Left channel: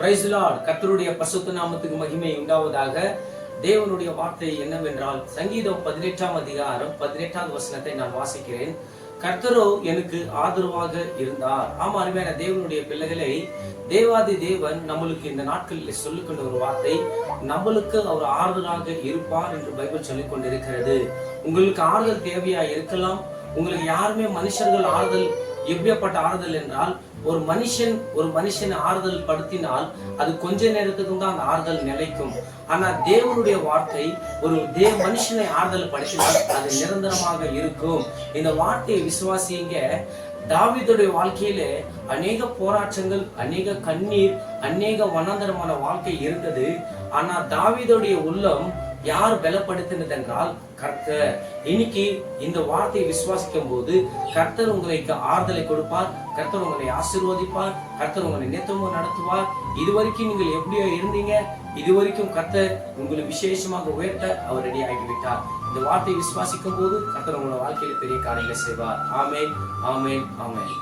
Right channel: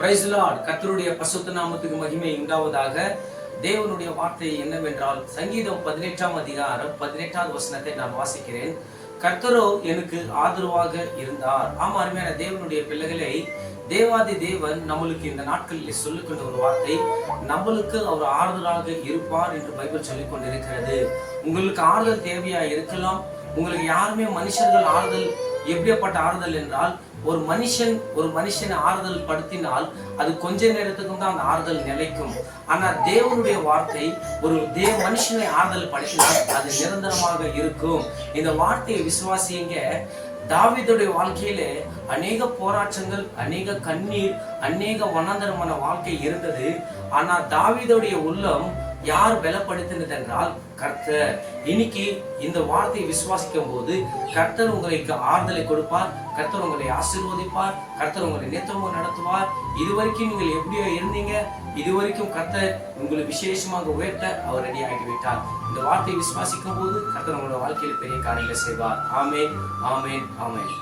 Price Lord. கர்த்தருடைய பரிசுத்த நாமத்துக்கு மகிமை உண்டாவதாக. தேவனுடைய வார்த்தை என்னவென்றால், சங்கீதம் 18ஆம் அதிகாரம் 18வது வசனத்தை நான் வாசிக்கிறேன். கர்த்தரோ எனக்கு ஆதரவாக இருந்தார். ஆமா, அருமையான தேவனுடைய பிள்ளைகளை, தேவாதி தேவன் நம்மளுக்கு இந்த நாட்களில் சொல்லிக்கொண்ட ஒரு வார்த்தை, நம்மளுக்கு அவர் ஆறுதலாக இருப்பார் என்று பைபிள் சொல்லிக் கொண்டிருக்கிறது. உங்களுக்கு ஆறுதல் தேவையா இருக்கலாம். உங்களுக்கு யாருமே மனுஷர்கள் ஆறுதல் எப்படிப்பட்ட ஆறுதல் என்றால், ஒரு மனுஷனை ஆறுதல் படுத்தினால் அது கொஞ்ச நேரத்துக்கும் தான் அந்த ஆறுதல் நிலைக்கும். ஆனா தேவனுடைய வார்த்தை ஒரு மனுஷனை ஆறுதல் படுத்தினால் அது நிரந்தரமாக இருக்கும். இந்த வார்த்தையை விசுவாசிங்க. தாவீதுடைய வாழ்க்கையிலே அநேக போராட்டங்கள், அநேக கண்ணீர், அநேக வனாந்தரமான வாழ்க்கை இருந்தது. ஆனா தாவீதுடைய உள்ளம் யார் பலப்படுத்தினது என்றால் கர்த்தர். இன்னைக்கு இந்த வார்த்தையை விசுவாசிக்கும் போது கர்த்தர் உங்களுக்கு ஆறுதலை கொடுப்பார், கர்த்தர் உங்களை ஆசீர்வதிப்பார், கர்த்தர் உங்களை நேர்த்தமாக நடத்துவார். இதுவரைக்கும் நீங்கள் எப்படியோ இருந்தீங்க, இதுவரைக்கும் கர்த்தர் உங்களை விசேஷமாக உயர்த்த அவர் ரெடி ஆகிவிட்டார். இந்த வார்த்தையை விசுவாசிக்கும் போது கர்த்தர் உங்களோட வாழ்க்கையில் பெரிய காரியங்களை செய்வார். ஆமென், ஆமென், ஆமென்.